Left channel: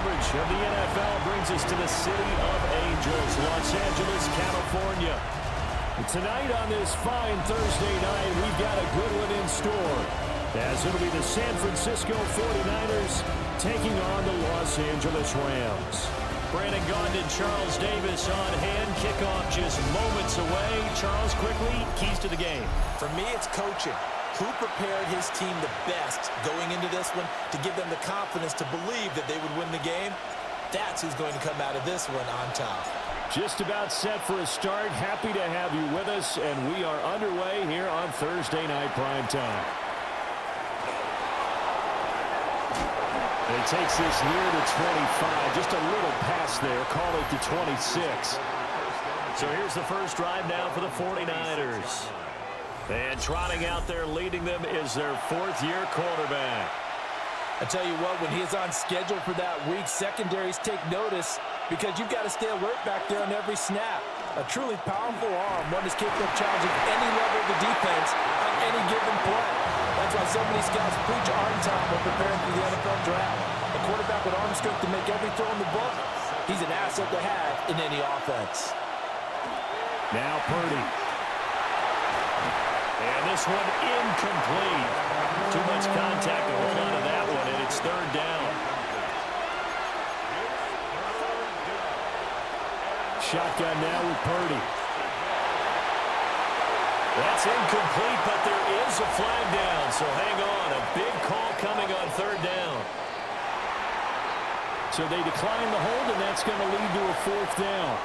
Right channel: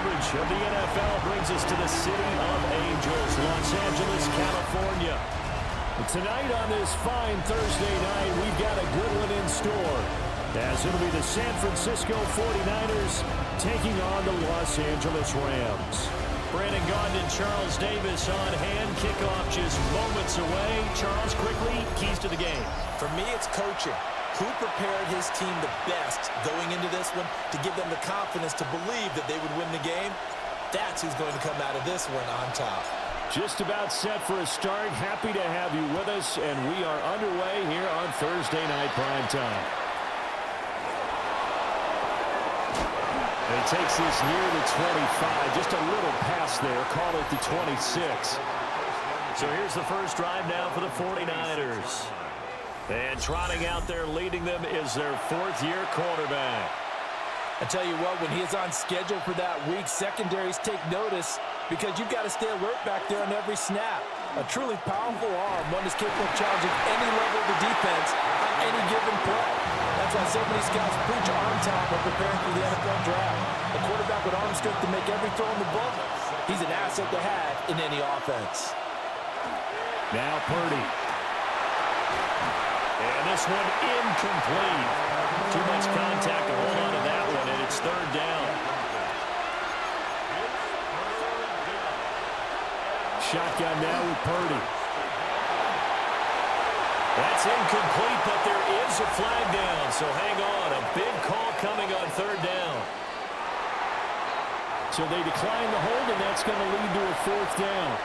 coverage of the NFL brings us to the City of Angels, Los Angeles, California. Tonight on this fine Thursday night, we've got a good one in store, as it'll be the San Francisco 49ers taking on the Los Angeles Rams. Brandon Gaudin and Charles Davis on hand. Kickoff just moments away. Charles, quickly, keys to the game. For me, it's coaching. Who prepared his team the best going into this one to give them the confidence to believe that they would win the game? That's who's going to come out of this one on top. Just about set for a start. Happy to have you with us, and we are underway here on Thursday Night Primetime. He takes this near the 25, just a little pass there, call it the 26. So here's the first drive now for the 49ers. And trotting out there leading them is their fourth-year quarterback. I tell you what, when he is on schedule for that week, secondaries take notice because you've got to stay alert back there on every snap. A truly powerful arm, one is capable of challenging any level of the defense on any given play. That's why so many scouts preach arm time when preparing for the NFL draft. A quarterback with arm strength to make every throw in the book, he's an asset to have in any offense. Now Purdy. And this one incomplete. Too much contact to hold on to that one, and it's third down. Shotgun now with Purdy. That's incomplete, but there is a flag down, so hang on. A big call coming on third down. So they decline the hold, and that's going to lead to a fourth down.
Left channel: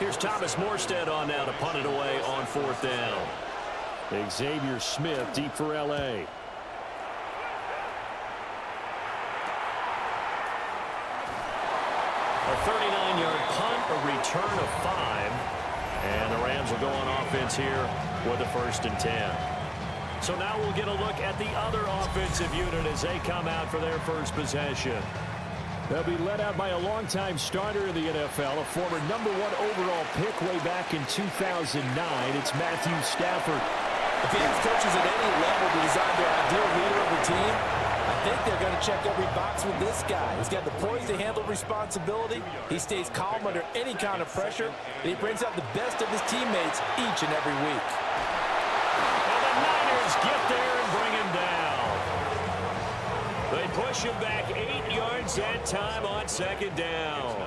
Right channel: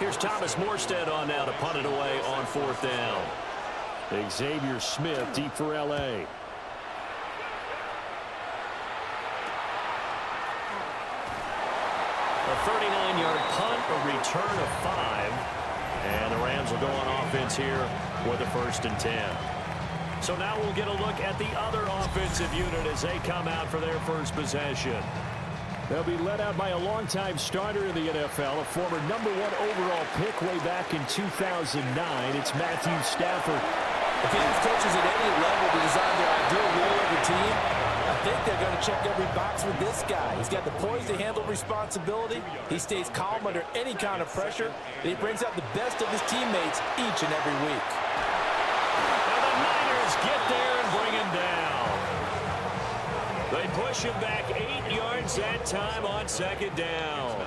Here's Thomas Morstead on now to punt it away on fourth down. Xavier Smith deep for L.A. A 39-yard punt, a return of 5. And the Rams will go on offense here with a 1st and 10. So now we'll get a look at the other offensive unit as they come out for their first possession. They'll be led out by a longtime starter in the NFL, a former #1 overall pick way back in 2009. It's Matthew Stafford. If he has coaches at any level to design their ideal leader of a team, I think they're going to check every box with this guy. He's got the poise to handle responsibility. He stays calm under any kind of pressure. And he brings out the best of his teammates each and every week. Now the Niners get there and bring him down. They push him back 8 yards that time on second down.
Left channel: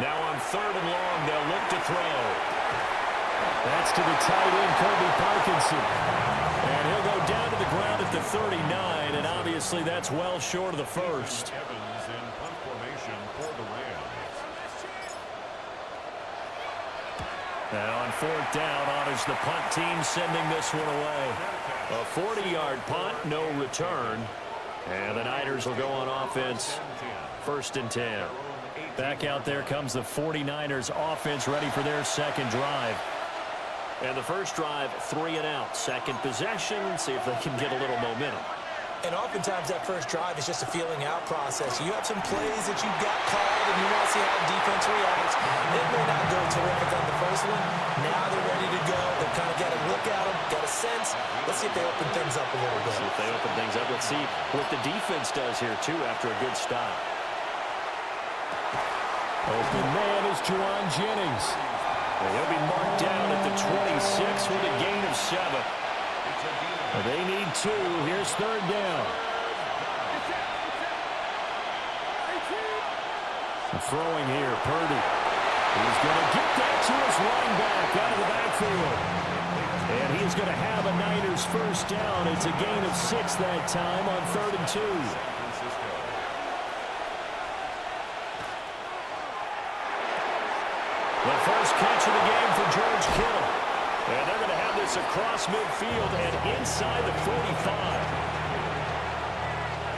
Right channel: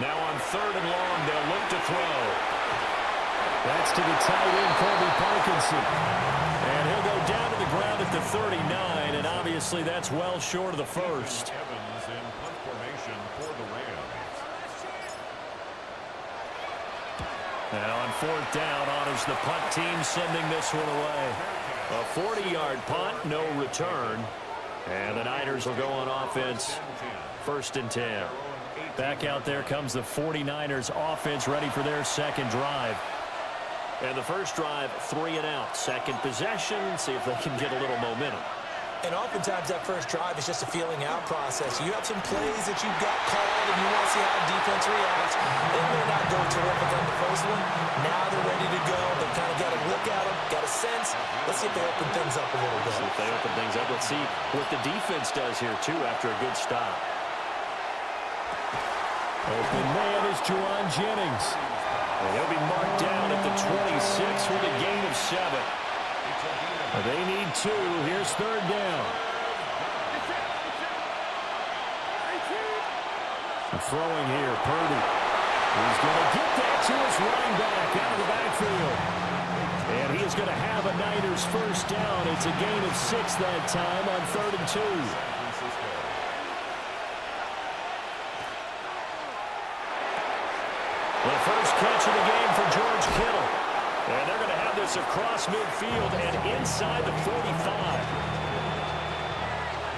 Now on third and long, they'll look to throw. That's to the tight end, Colby Parkinson. And he'll go down to the ground at the 39, and obviously that's well short of the first. Evans in punt formation for the Rams. Now on fourth down, on is the punt team sending this one away. A 40-yard punt, no return. And the Niners will go on offense, 1st and 10. Back out there comes the 49ers offense ready for their second drive. And the first drive, 3 and out. Second possession, see if they can get a little momentum. And oftentimes that first drive is just a feeling out process. You have some plays that you've got called and you want to see how defense reacts. It may not go terrific on the first one. Now they're ready to go. They've kind of got a look at them, got a sense. Let's see if they open things up a little bit. See if they open things up. Let's see what the defense does here, too, after a good stop. Open man is Juwan Jennings. He'll be marked down at the 26 with a gain of 7. They need 2. Here's third down. Throwing here, Purdy. He's going to get that to his running back out of the backfield. And he is going to have a Niners first down. It's a gain of 6 that time on 3rd and 2. The first catch of the game for George Kittle. And they're going to have this across midfield and inside the 45.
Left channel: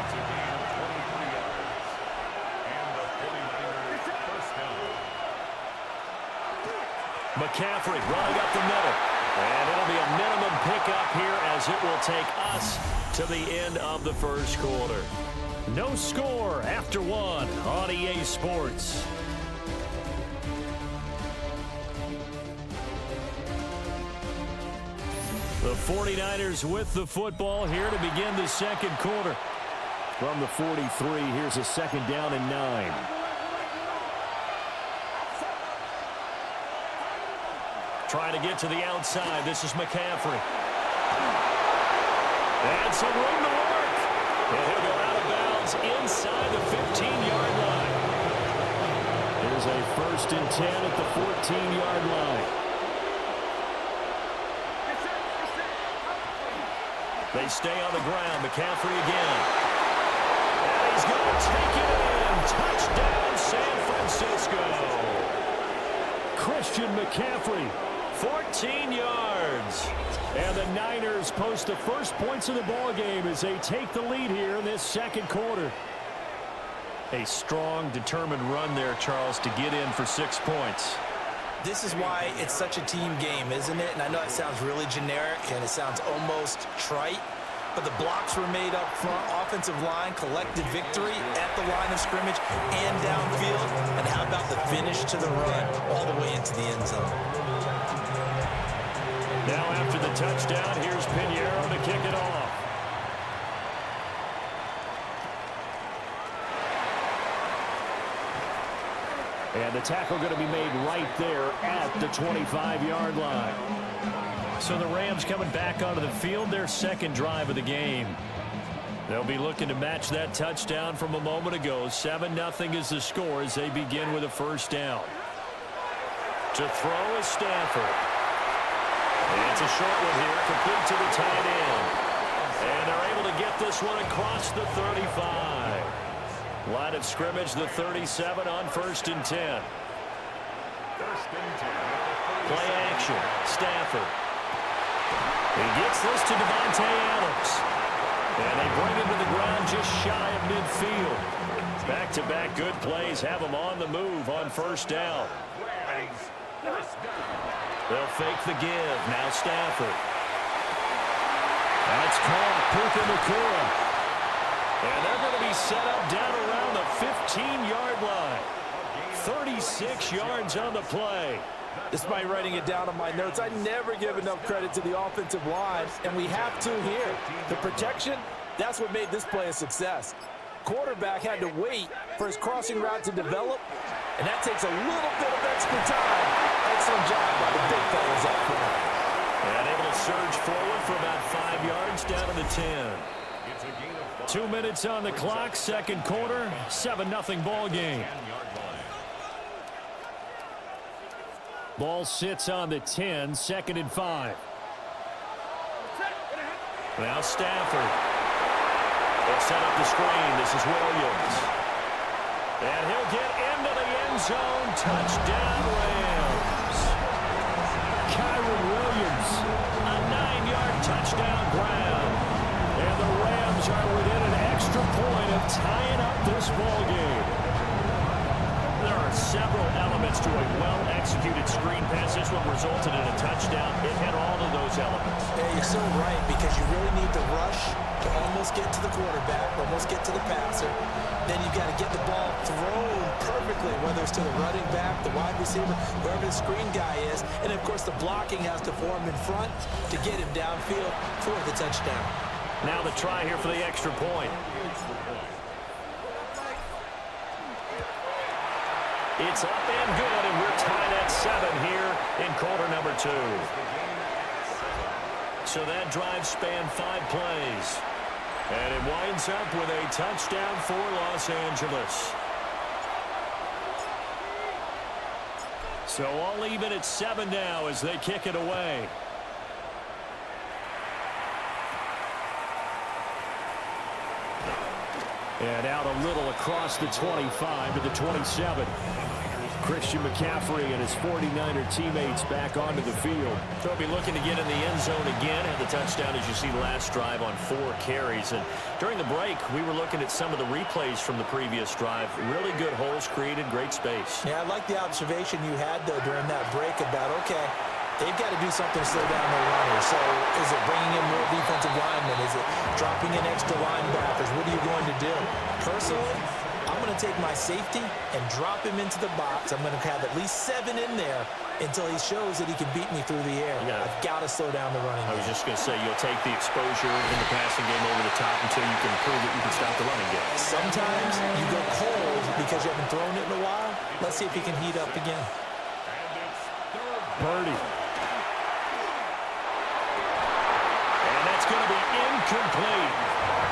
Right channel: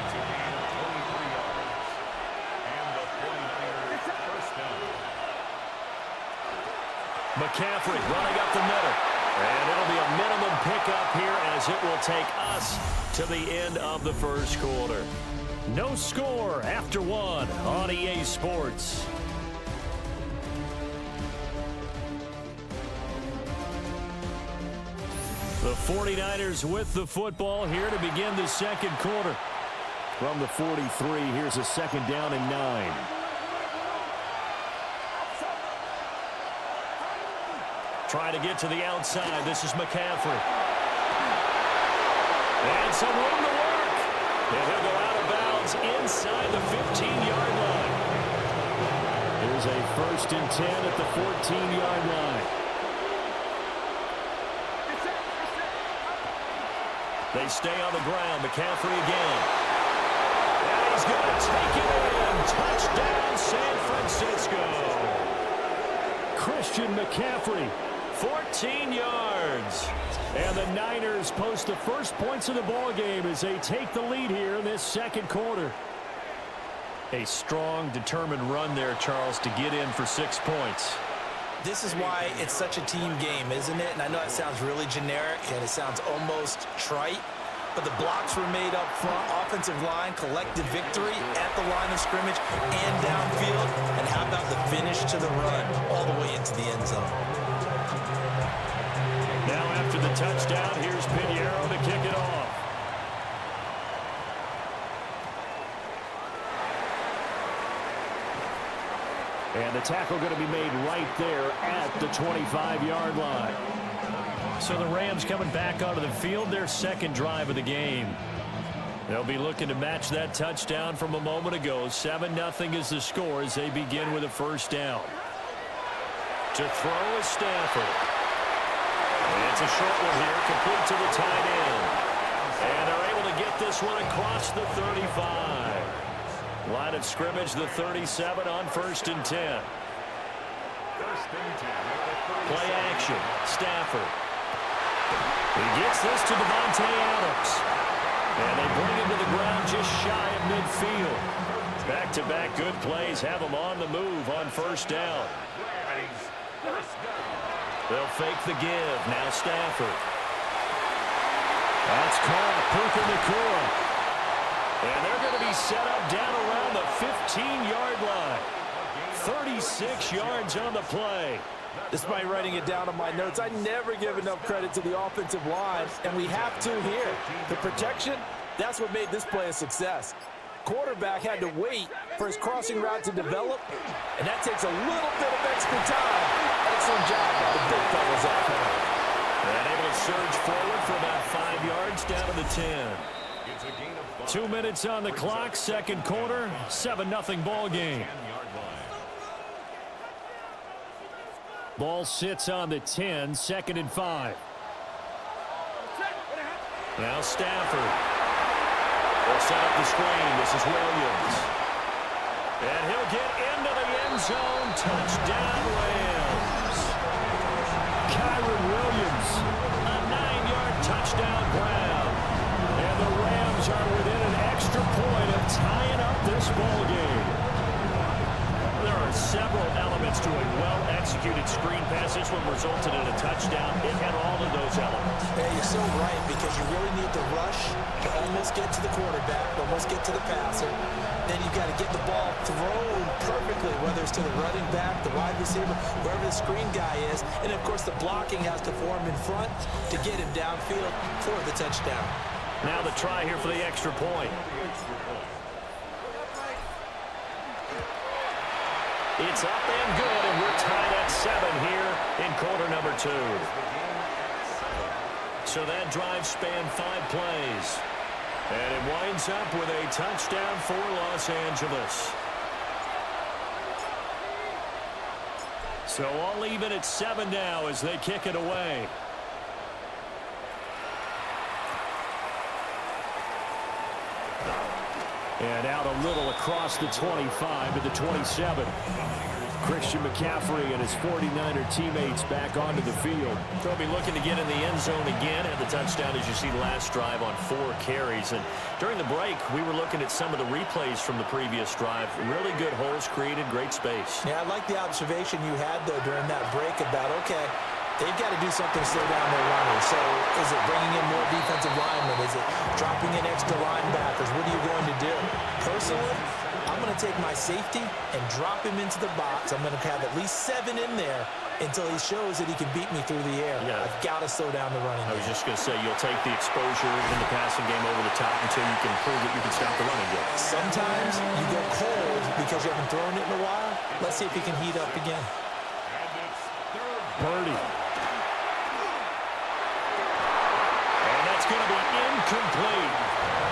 It's a gain of 23 yards. And the 49ers first down. McCaffrey running up the middle. And it'll be a minimum pickup here as it will take us to the end of the first quarter. No score after 1 on EA Sports. The 49ers with the football here to begin the second quarter. From the 43, here's a 2nd down and 9. Trying to get to the outside. This is McCaffrey. And some room to work. And he'll go out of bounds inside the 15-yard line. Here's a 1st and 10 at the 14-yard line. They stay on the ground. McCaffrey again. And he's going to take it in. Touchdown, San Francisco. Christian McCaffrey, 14 yards. And the Niners post the first points of the ball game as they take the lead here in this second quarter. A strong, determined run there, Charles, to get in for 6 points. This is why it's such a team game, isn't it? And I know it sounds really generic and it sounds almost trite, but the blocks were made up front, offensive line, collective victory at the line of scrimmage and downfield. And how about the finish to the run all the way into the end zone? Now after the touchdown, here's Pinheiro to kick it off. And the tackle going to be made right there at the 25-yard line. So the Rams coming back onto the field, their second drive of the game. They'll be looking to match that touchdown from a moment ago. 7-0 is the score as they begin with a 1st down. To throw is Stafford. And it's a short one here, complete to the tight end. And they're able to get this one across the 35. Line of scrimmage, the 37 on 1st and 10. 1st and 10 at the 37. Play action. Stafford. He gets this to Devontae Adams. And they bring him to the ground just shy of midfield. Back-to-back good plays have him on the move on 1st down. They'll fake the give. Now Stafford. That's caught. Puka Nacua. And they're going to be set up down around the 15-yard line. 36 yards on the play. Despite writing it down on my notes, I never give enough credit to the offensive line, and we have to here. The protection, that's what made this play a success. Quarterback had to wait for his crossing route to develop, and that takes a little bit of extra time. Excellent job by the big fellas up front. And able to surge forward for about 5 yards down to the 10. 2 minutes on the clock, second quarter, 7-0 ball game. Ball sits on the 10, 2nd and 5. Now Stafford. They'll set up the screen. This is Williams. And he'll get into the end zone. Touchdown, Rams. Kyron Williams, a 9-yard touchdown grab. And the Rams are within an extra point of tying up this ball game. There are several elements to a well-executed screen pass. This one resulted in a touchdown. It had all of those elements. Yeah, you're so right, because you really need to rush to almost get to the quarterback, almost get to the passer. Then you've got to get the ball thrown perfectly, whether it's to the running back, the wide receiver, wherever the screen guy is. And, of course, the blocking has to form in front to get him downfield for the touchdown. Now the try here for the extra point. It's up and good, and we're tied at 7 here in quarter number 2. So that drive spanned 5 plays. And it winds up with a touchdown for Los Angeles. So all even at 7 now as they kick it away. And out a little across the 25 to the 27. Christian McCaffrey and his 49er teammates back onto the field. They'll be looking to get in the end zone again. Had the touchdown, as you see, last drive on 4 carries. And during the break, we were looking at some of the replays from the previous drive. Really good holes created, great space. Yeah, I like the observation you had, though, during that break about, okay, they've got to do something to slow down their runners. So is it bringing in more defensive linemen? Is it dropping in extra linebackers? What are you going to do? Personally, I I'm going to take my safety and drop him into the box. I'm going to have at least 7 in there until he shows that he can beat me through the air. Yeah. I've got to slow down the running game. I was just going to say, you'll take the exposure in the passing game over the top until you can prove that you can stop the running game. Sometimes you go cold because you haven't thrown it in a while. Let's see if he can heat up again. And it's third. Birdie. And that's going to be incomplete.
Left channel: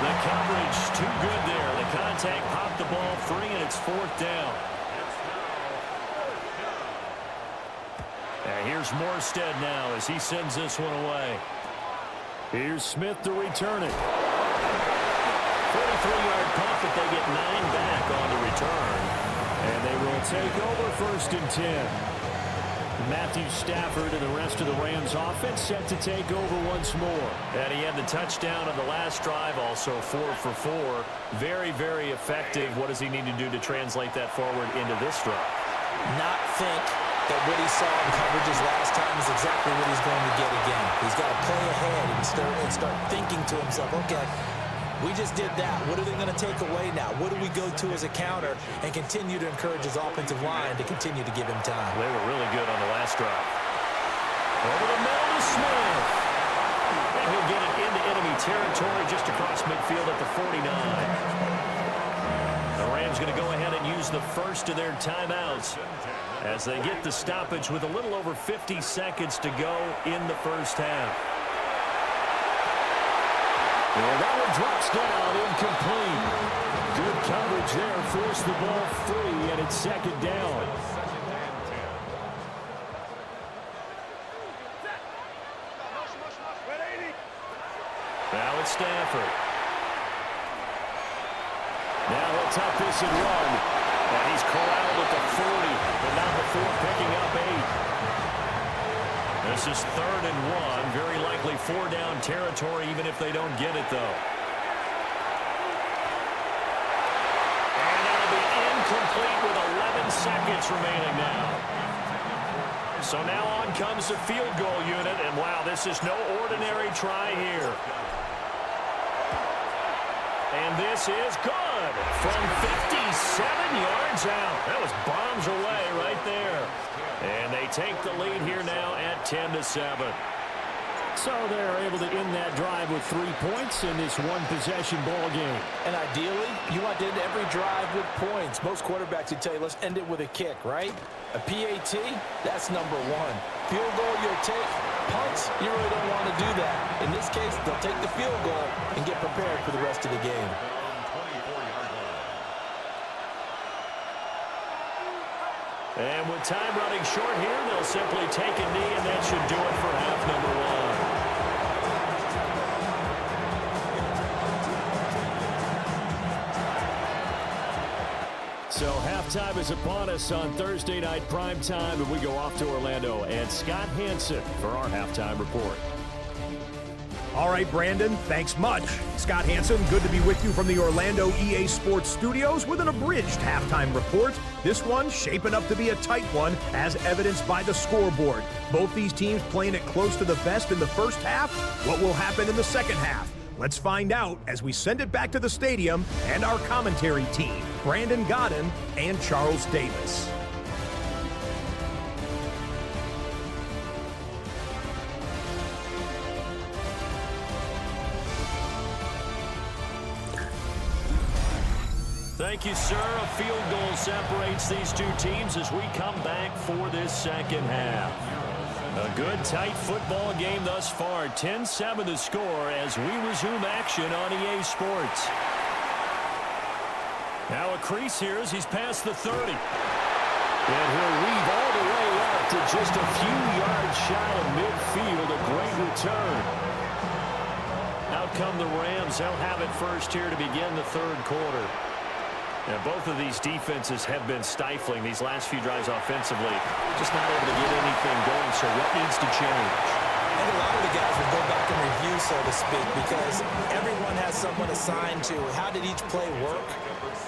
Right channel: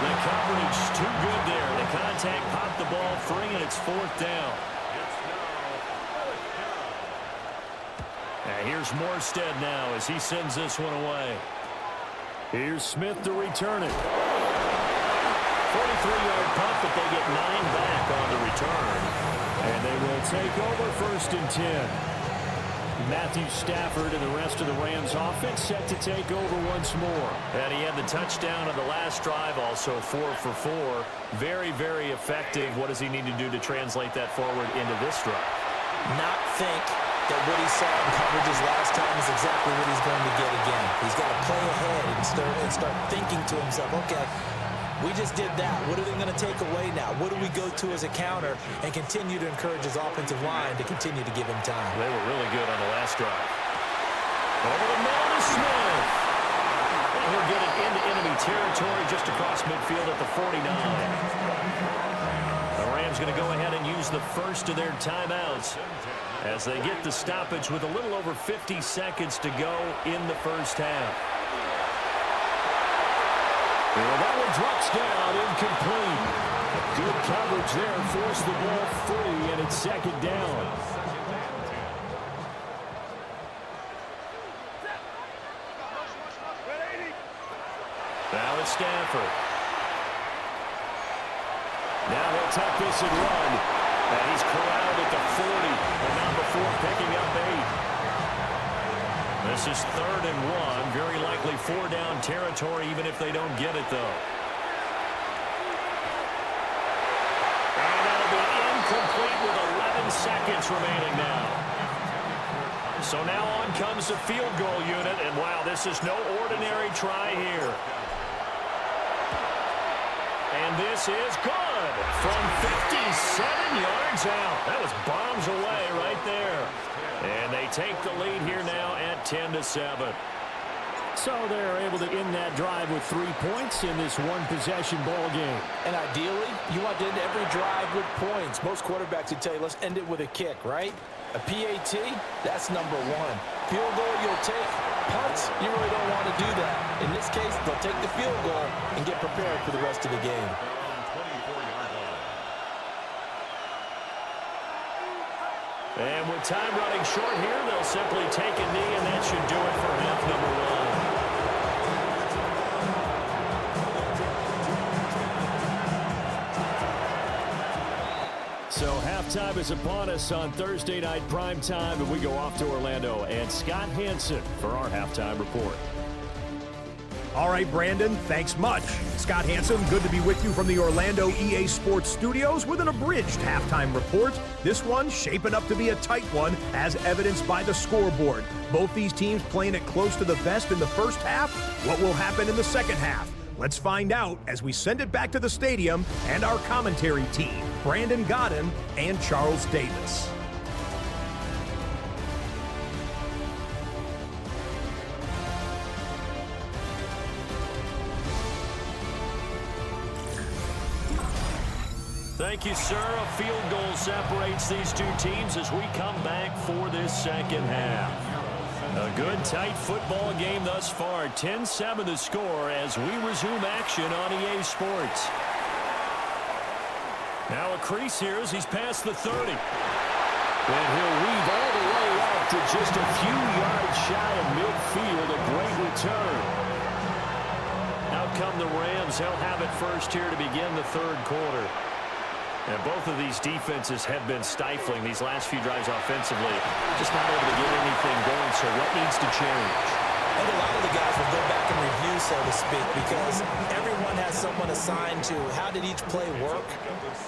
The coverage too good there. The contact popped the ball free, and it's 4th down. It's now 4th down. And here's Morstead now as he sends this one away. Here's Smith to return it. 43-yard punt, but they get 9 back on the return. And they will take over 1st and 10. Matthew Stafford and the rest of the Rams offense set to take over once more. And he had the touchdown on the last drive, also 4 for 4. Very, very effective. What does he need to do to translate that forward into this drive? Not think that what he saw in coverages last time is exactly what he's going to get again. He's got to play ahead and start thinking to himself, okay, we just did that. What are they going to take away now? What do we go to as a counter? And continue to encourage his offensive line to continue to give him time. They were really good on the last drive. Over the middle to Smith. And he'll get it into enemy territory just across midfield at the 49. The Rams going to go ahead and use the first of their timeouts as they get the stoppage with a little over 50 seconds to go in the first half. And that one drops down, incomplete. Good coverage there, forced the ball free, and it's 2nd down. Now it's Stafford. Now he'll tuck this and run. And he's corralled at the 40, but not before picking up 8. This is 3rd and 1. Very likely 4-down territory, even if they don't get it, though. And that'll be incomplete with 11 seconds remaining now. So now on comes the field goal unit, and wow, this is no ordinary try here. And this is good from 57 yards out. That was bombs away right there. And they take the lead here now at 10-7. So they're able to end that drive with 3 points in this one-possession ball game. And ideally, you want to end every drive with points. Most quarterbacks would tell you, let's end it with a kick, right? A PAT, that's number 1. Field goal, you'll take. Punts, you really don't want to do that. In this case, they'll take the field goal and get prepared for the rest of the game. And with time running short here, they'll simply take a knee, and that should do it for half number 1. So halftime is upon us on Thursday night primetime, and we go off to Orlando and Scott Hansen for our halftime report. All right, Brandon, thanks much. Scott Hansen, good to be with you from the Orlando EA Sports Studios with an abridged halftime report. This one shaping up to be a tight one, as evidenced by the scoreboard. Both these teams playing it close to the vest in the first half. What will happen in the second half? Let's find out as we send it back to the stadium and our commentary team, Brandon Godden and Charles Davis. Thank you, sir. A field goal separates these two teams as we come back for this second half. A good, tight football game thus far. 10-7 the score as we resume action on EA Sports. Now a crease here as he's past the 30. And he'll weave all the way up to just a few yards shy of midfield. A great return. Out come the Rams. They'll have it first here to begin the third quarter. And both of these defenses have been stifling these last few drives offensively. Just not able to get anything going, so what needs to change? And a lot of the guys will go back and review, so to speak, because everyone has someone assigned to how did each play work.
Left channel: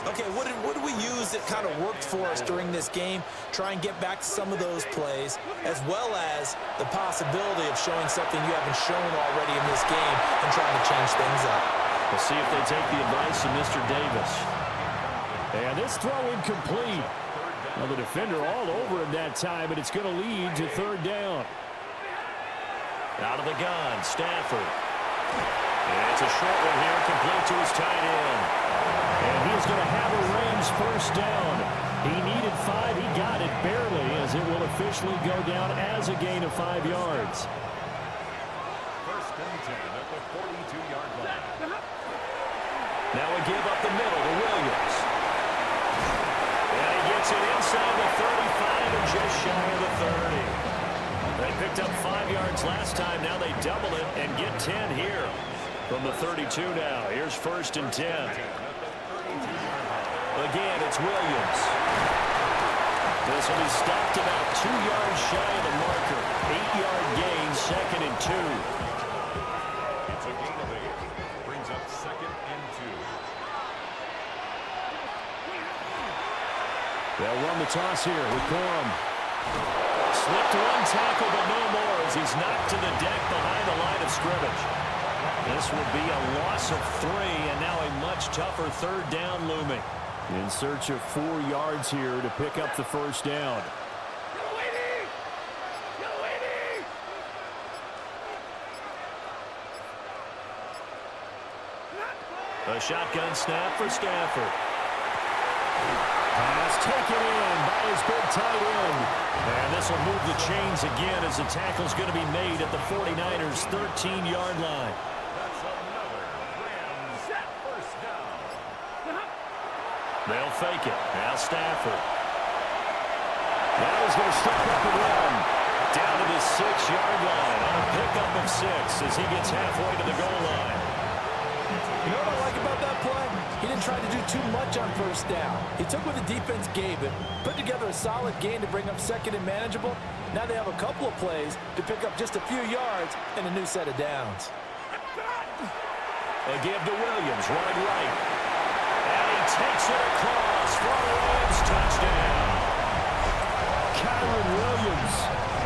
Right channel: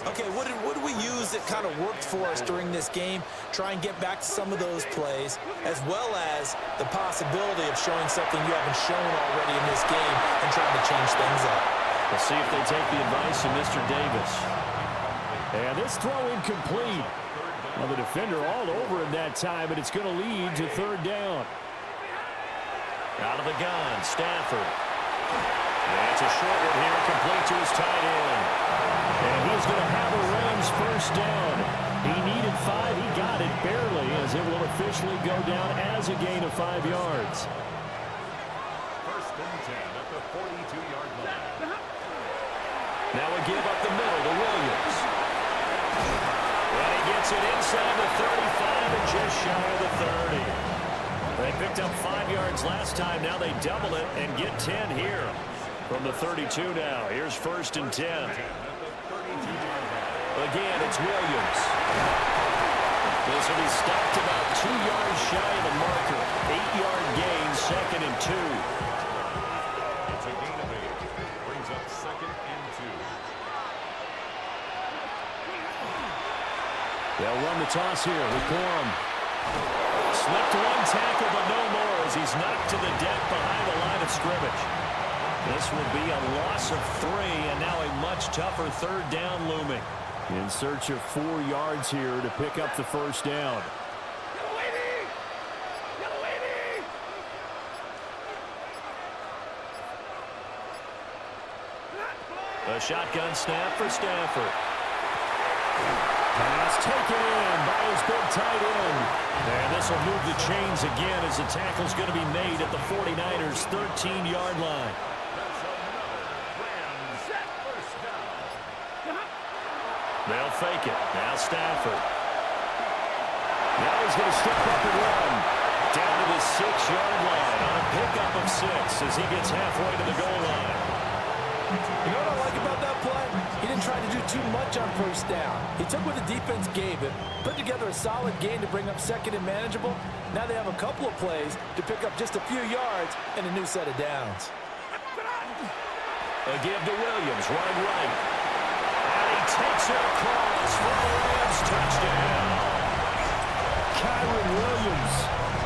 Okay, what did we use that kind of worked for us during this game? Try and get back to some of those plays, as well as the possibility of showing something you haven't shown already in this game and trying to change things up. We'll see if they take the advice of Mr. Davis. And this throw incomplete. Well, the defender all over him that time, but it's going to lead to third down. Out of the gun, Stafford. And it's a short one here, complete to his tight end. And he's going to have a Rams first down. He needed 5. He got it barely, as it will officially go down as a gain of 5 yards. First and 10 at the 42-yard line. Now a give up the middle to Williams. And he gets it inside the 35 and just shy of the 30. They picked up 5 yards last time. Now they double it and get 10 here from the 32 now. Here's first and 10. Again, it's Williams. This will be stopped about 2 yards shy of the marker. 8-yard gain, second and 2. It's a gain of 8. Brings up second and 2. They'll run the toss here with Gorham. Slipped one tackle, but no more as he's knocked to the deck behind the line of scrimmage. This will be a loss of 3, and now a much tougher third down looming. In search of 4 yards here to pick up the first down. A shotgun snap for Stafford. Pass taken in by his big tight end. And this will move the chains again as the tackle's going to be made at the 49ers' 13-yard line. That's another Rams first down. They'll fake it. Now Stafford. Now he's going to step up and run. Down to the 6-yard line on a pickup of 6 as he gets halfway to the goal line. You know what I like about that play? He didn't try to do too much on first down. He took what the defense gave him, put together a solid gain to bring up second and manageable. Now they have a couple of plays to pick up just a few yards and a new set of downs. A give to Williams, running right. And he takes it across for a Rams touchdown. Kyron Williams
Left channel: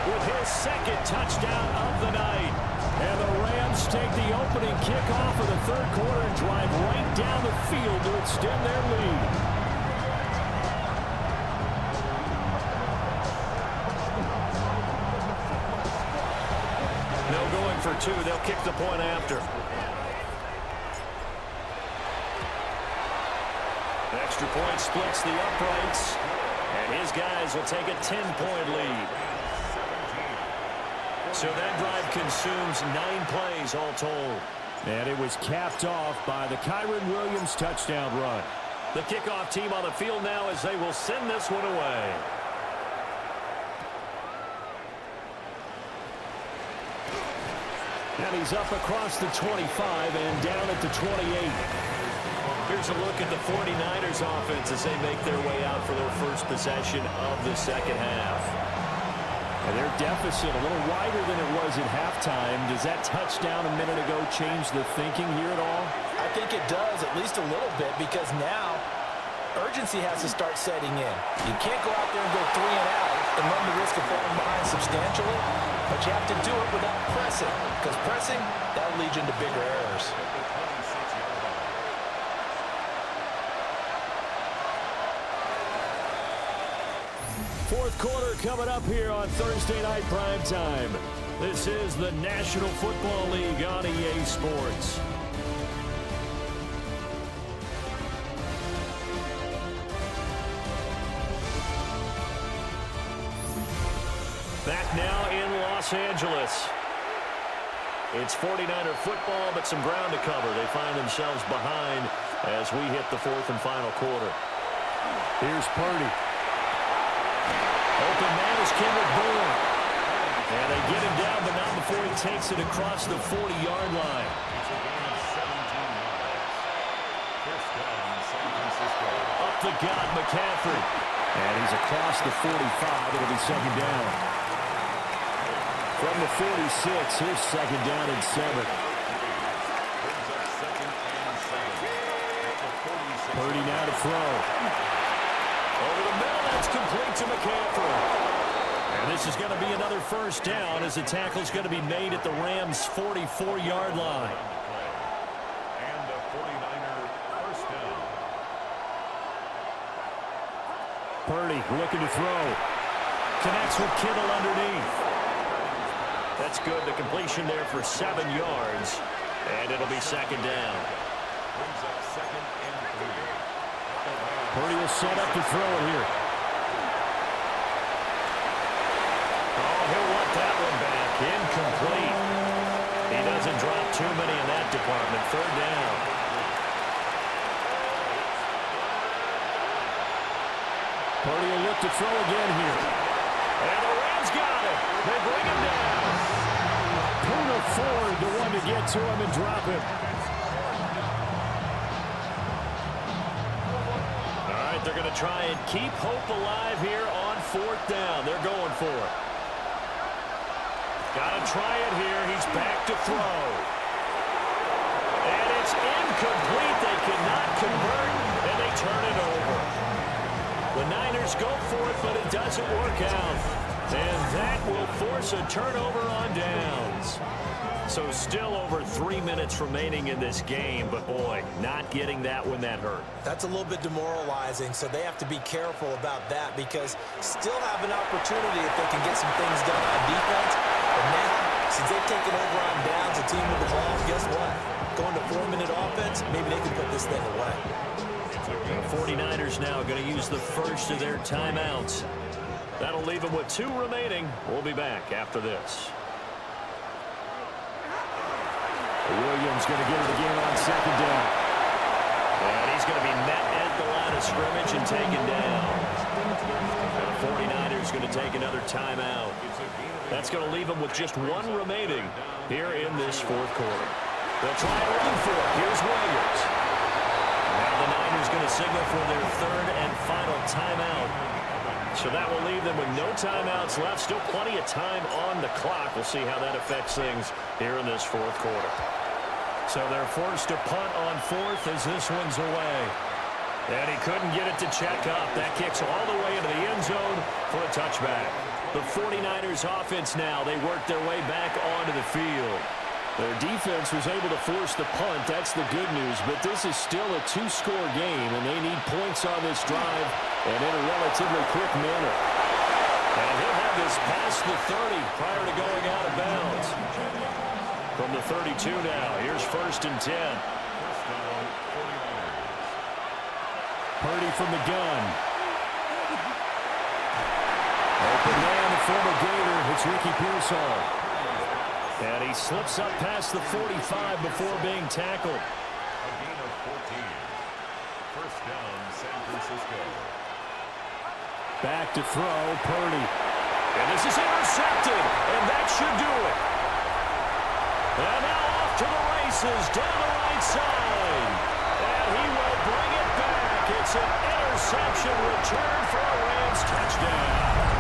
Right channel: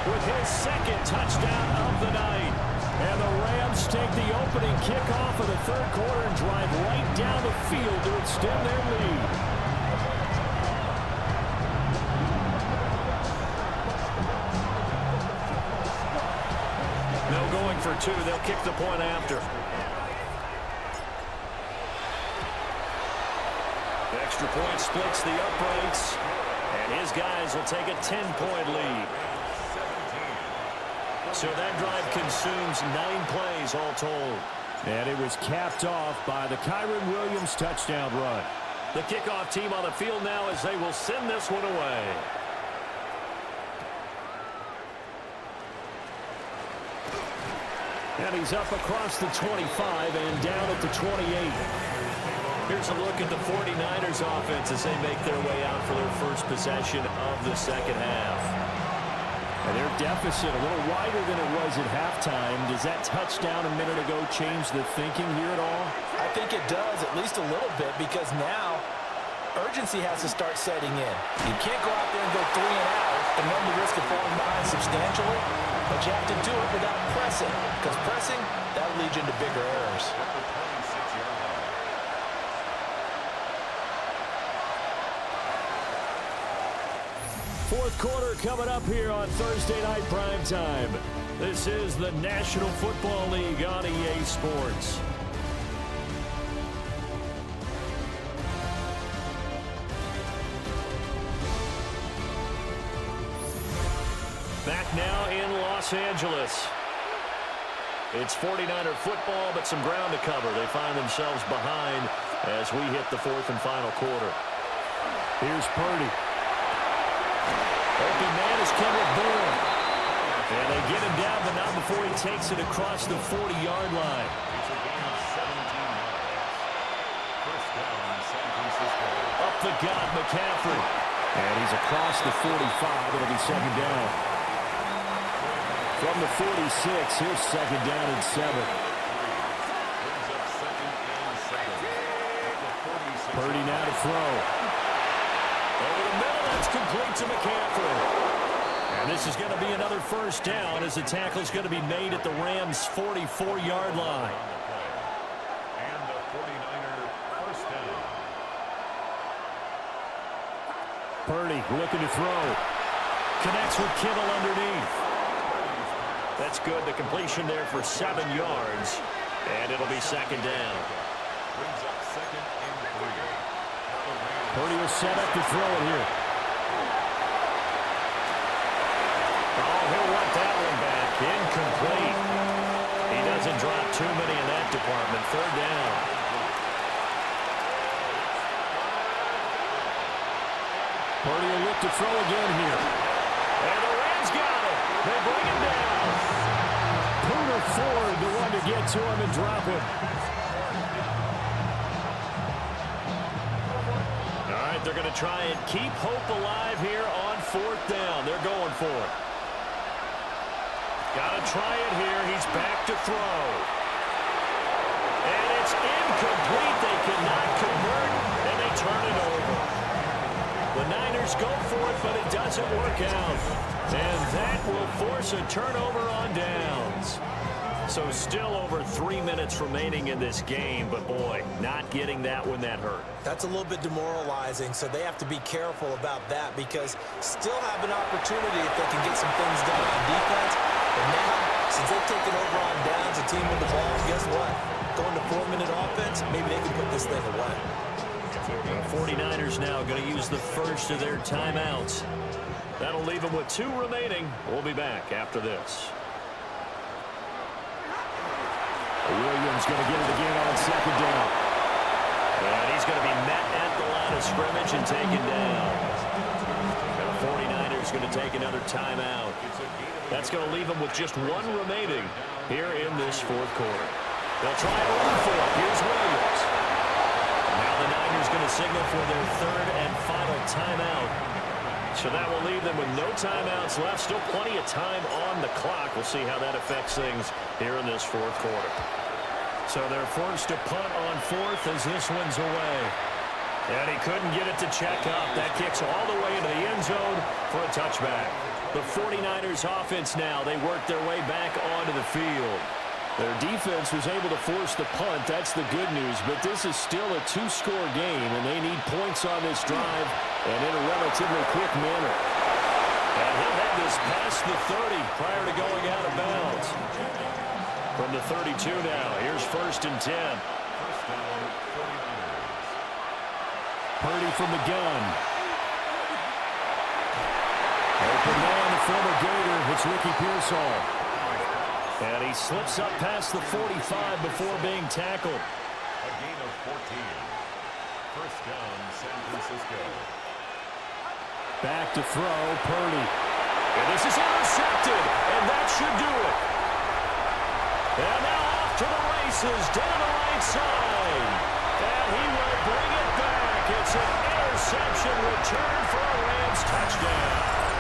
with his second touchdown of the night. And the Rams take the opening kickoff of the third quarter and drive right down the field to extend their lead. No going for 2. They'll kick the point after. Extra point splits the uprights. And his guys will take a 10-point lead. So that drive consumes 9 plays all told. And it was capped off by the Kyron Williams touchdown run. The kickoff team on the field now as they will send this one away. And he's up across the 25 and down at the 28. Here's a look at the 49ers offense as they make their way out for their first possession of the second half. And their deficit a little wider than it was at halftime. Does that touchdown a minute ago change the thinking here at all? I think it does, at least a little bit, because now urgency has to start setting in. You can't go out there and go 3 and out and run the risk of falling behind substantially, but you have to do it without pressing, because pressing, that leads you into bigger errors. At the 26-yard line. Fourth quarter coming up here on Thursday Night Primetime. This is the National Football League on EA Sports. Back now in Los Angeles. It's 49er football, but some ground to cover. They find themselves behind as we hit the fourth and final quarter. Here's Purdy. Open man is Kendrick Bourne. And they get him down, but not before he takes it across the 40-yard line. It's a gain of 17 yards. First down, San Francisco. Up the gut, McCaffrey. And he's across the 45. It'll be second down. From the 46, here's second down and 7. Brings up second and 7. At the 46. Purdy now to throw. Over the middle, that's complete to McCaffrey. And this is going to be another first down as the tackle's going to be made at the Rams' 44-yard line. And the 49er first down. Purdy looking to throw. Connects with Kittle underneath. That's good. The completion there for 7 yards. And it'll be second down. Brings up 2nd and 3. Purdy will set up to throw it here. Oh, he'll want that one back. Incomplete. He doesn't drop too many in that department. 3rd down. Purdy will look to throw again here. And the Rams got it. They bring him down. Poona Ford, the one to get to him and drop him. All right, they're going to try and keep hope alive here on 4th down. They're going for it. Got to try it here. He's back to throw. And it's incomplete. They cannot convert, and they turn it over. The Niners go for it, but it doesn't work out. And that will force a turnover on downs. So still over 3 minutes remaining in this game, but boy, not getting that one that hurt. That's a little bit demoralizing, so they have to be careful about that because still have an opportunity if they can get some things done on defense. But now, since they've taken over on downs, a team with the ball, guess what? Going to 4-minute offense, maybe they can put this thing away. The 49ers now going to use the first of their timeouts. That'll leave them with 2 remaining. We'll be back after this. Williams going to get it again on 2nd down. And he's going to be met at the line of scrimmage and taken down. And the 49ers going to take another timeout. That's going to leave them with just 1 remaining here in this 4th quarter. They'll try and run for it. Here's Williams. Now the Niners going to signal for their 3rd and final timeout. So that will leave them with no timeouts left. Still plenty of time on the clock. We'll see how that affects things here in this 4th quarter. So they're forced to punt on 4th as this one's away. And he couldn't get it to check up. That kicks all the way into the end zone for a touchback. The 49ers offense now, they work their way back onto the field. Their defense was able to force the punt. That's the good news. But this is still a 2-score game, and they need points on this drive and in a relatively quick manner. And he'll have this past the 30 prior to going out of bounds. From the 32 now, here's 1st and 10. 1st down, 49ers. Purdy from the gun. Open man, the former Gator. It's Ricky Pearsall. And he slips up past the 45 before being tackled. A gain of 14. 1st down, San Francisco. Back to throw, Purdy. And this is intercepted, and that should do it. And now off to the races, down the right side. And he will bring it back. It's an interception return for a Rams touchdown.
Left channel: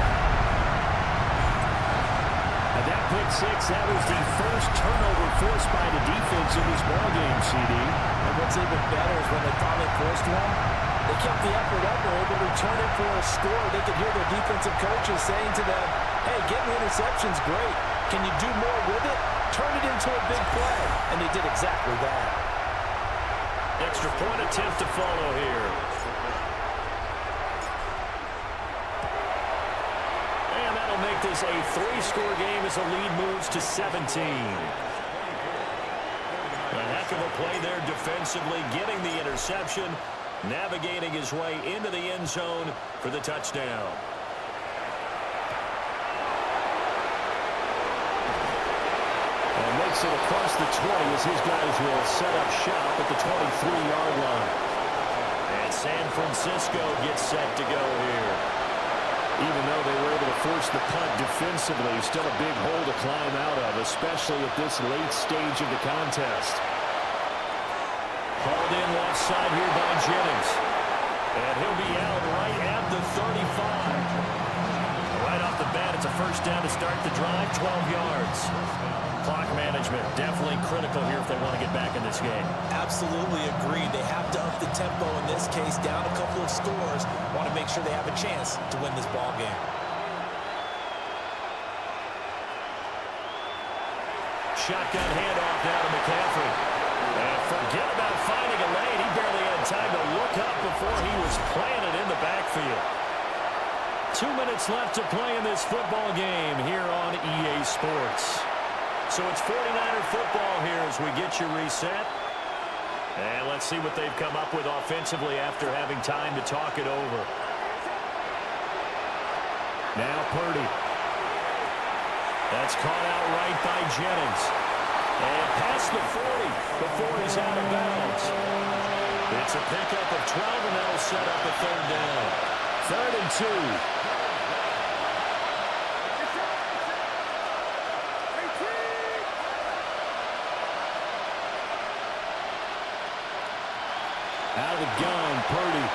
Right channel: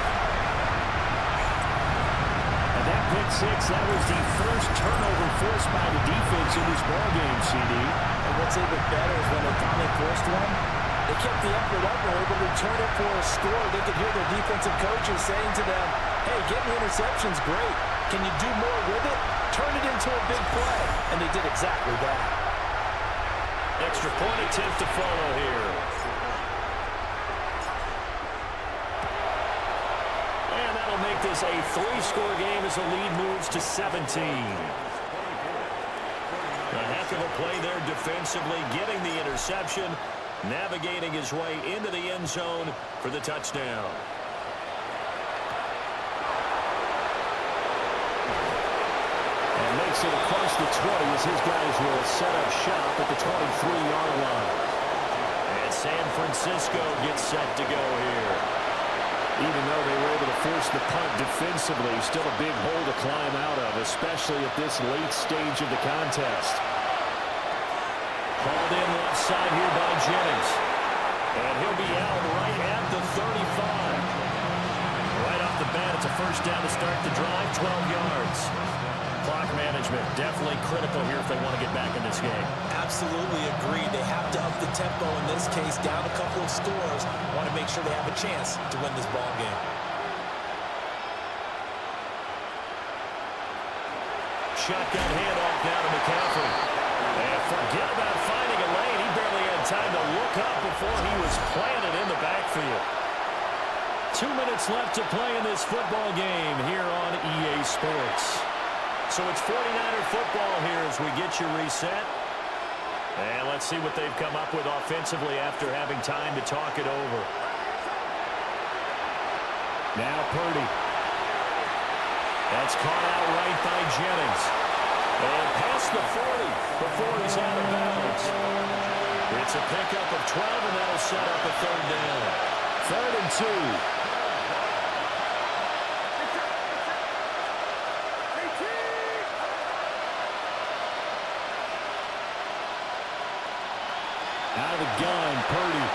And that pick 6, that was the first turnover forced by the defense in this ballgame, CD. And what's even better is when they finally forced one, they kept the effort up and were able to return it for a score. They could hear their defensive coaches saying to them, hey, getting the interception's great. Can you do more with it? Turn it into a big play. And they did exactly that. Extra point attempt to follow here. And that'll make this a 3-score game as the lead moves to 17. A heck of a play there defensively, getting the interception, navigating his way into the end zone for the touchdown. And makes it across the 20 as his guys will set up shop at the 23-yard line. And San Francisco gets set to go here. Even though they were able to force the punt defensively, still a big hole to climb out of, especially at this late stage of the contest. Hauled in left side here by Jennings. And he'll be out right at the 35. Right off the bat, it's a 1st down to start the drive, 12 yards. Clock management, definitely critical here if they want to get back in this game. Absolutely agreed. They have to up the tempo in this case, down a couple of scores. Want to make sure they have a chance to win this ball game. Shotgun handoff now to McCaffrey. And forget about finding a lane. He barely had time to look up before he was planted in the backfield. 2 minutes left to play in this football game here on EA Sports. So it's 49er football here as we get you reset. And let's see what they've come up with offensively after having time to talk it over. Now Purdy. That's caught out right by Jennings. And past the 40 before he's out of bounds. It's a pickup of 12, and that'll set up a third down. 3rd and 2. Out of the gun, Purdy.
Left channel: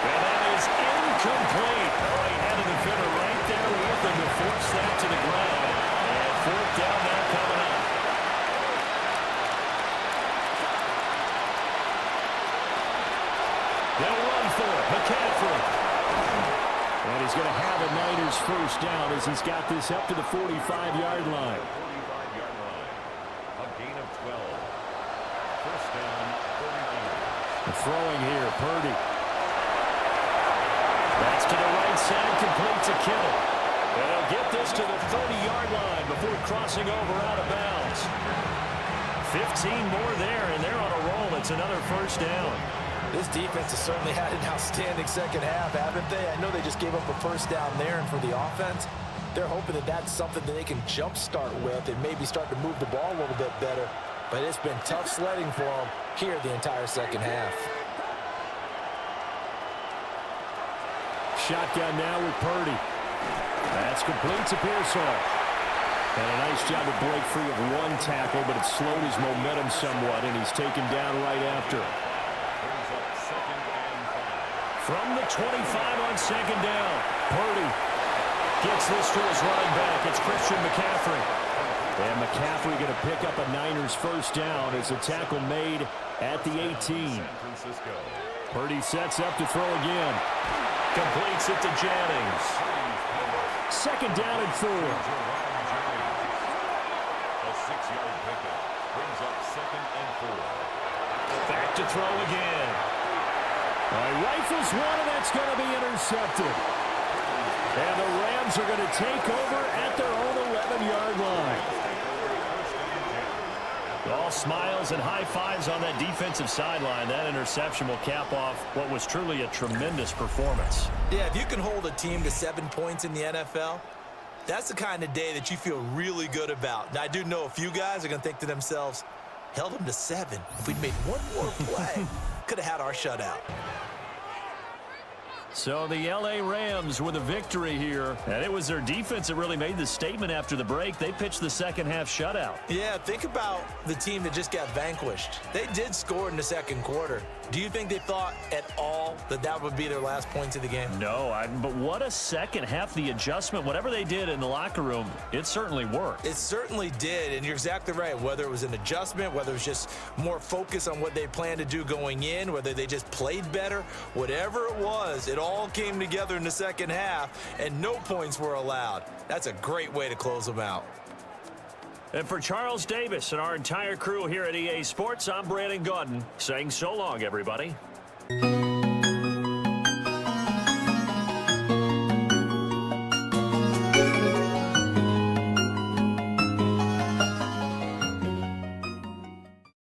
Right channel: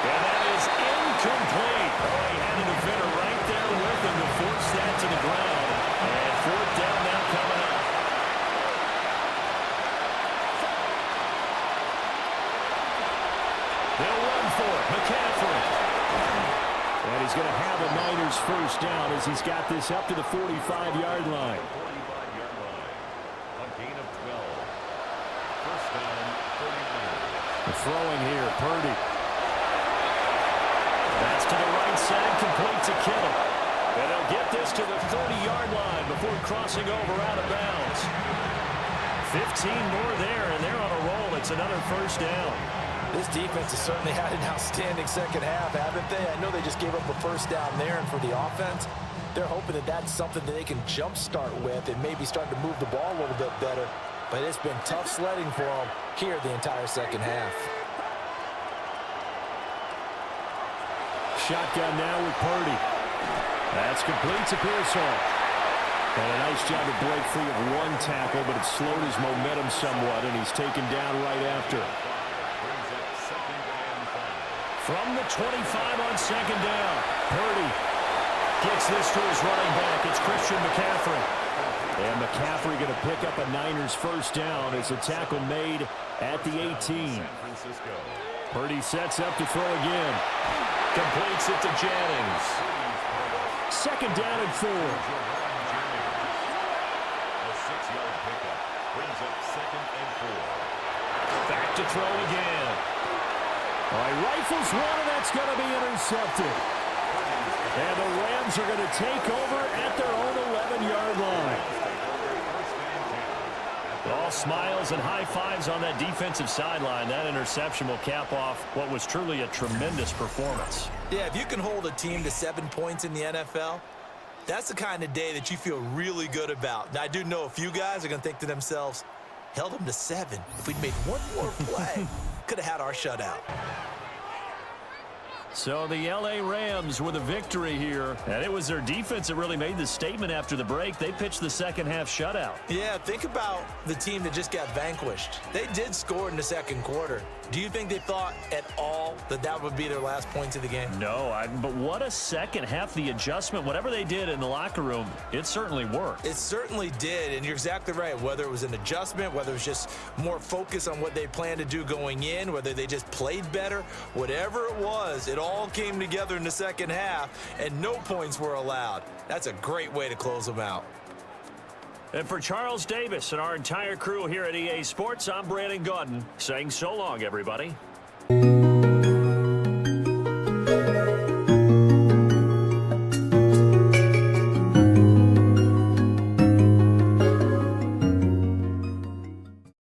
And that is incomplete. Oh, he had a defender right there with him to force that to the ground. And 4th down now coming up. They'll run for it. McCaffrey. And he's going to have a Niners first down as he's got this up to the 45-yard line. 45-yard line. A gain of 12. First down, 49ers. Throwing here, Purdy. That's to the right side, complete to Kittle. And they'll get this to the 30-yard line before crossing over out of bounds. 15 more there, and they're on a roll. It's another first down. This defense has certainly had an outstanding second half, haven't they? I know they just gave up a first down there, and for the offense, they're hoping that that's something that they can jumpstart with and maybe start to move the ball a little bit better. But it's been tough sledding for them here the entire second half. Shotgun now with Purdy. That's complete to Pearsall. And a nice job to break free of one tackle, but it slowed his momentum somewhat, and he's taken down right after. Brings up 2nd and 5. From the 25 on 2nd down, Purdy gets this to his running back. It's Christian McCaffrey. And McCaffrey going to pick up a Niners first down as a tackle made at the 18. San Francisco. Purdy sets up to throw again. Completes it to Jennings. 2nd down and 4. A 6-yard pickup. Brings up 2nd and 4. Back to throw again. All right, rifles one, and that's going to be intercepted. And the Rams are going to take over at their own 11-yard line. All smiles and high fives on that defensive sideline. That interception will cap off what was truly a tremendous performance. Yeah, if you can hold a team to 7 points in the NFL, that's the kind of day that you feel really good about. Now, I do know a few guys are going to think to themselves, held them to 7. If we'd made one more play, could have had our shutout. So the L.A. Rams with a victory here. And it was their defense that really made the statement after the break. They pitched the second half shutout. Yeah, think about the team that just got vanquished. They did score in the second quarter. Do you think they thought at all that that would be their last points of the game? No, but what a second half. The adjustment, whatever they did in the locker room, it certainly worked. It certainly did, and you're exactly right. Whether it was an adjustment, whether it was just more focus on what they planned to do going in, whether they just played better, whatever it was, it all came together in the second half, and no points were allowed. That's a great way to close them out. And for Charles Davis and our entire crew here at EA Sports, I'm Brandon Gaudin saying so long, everybody.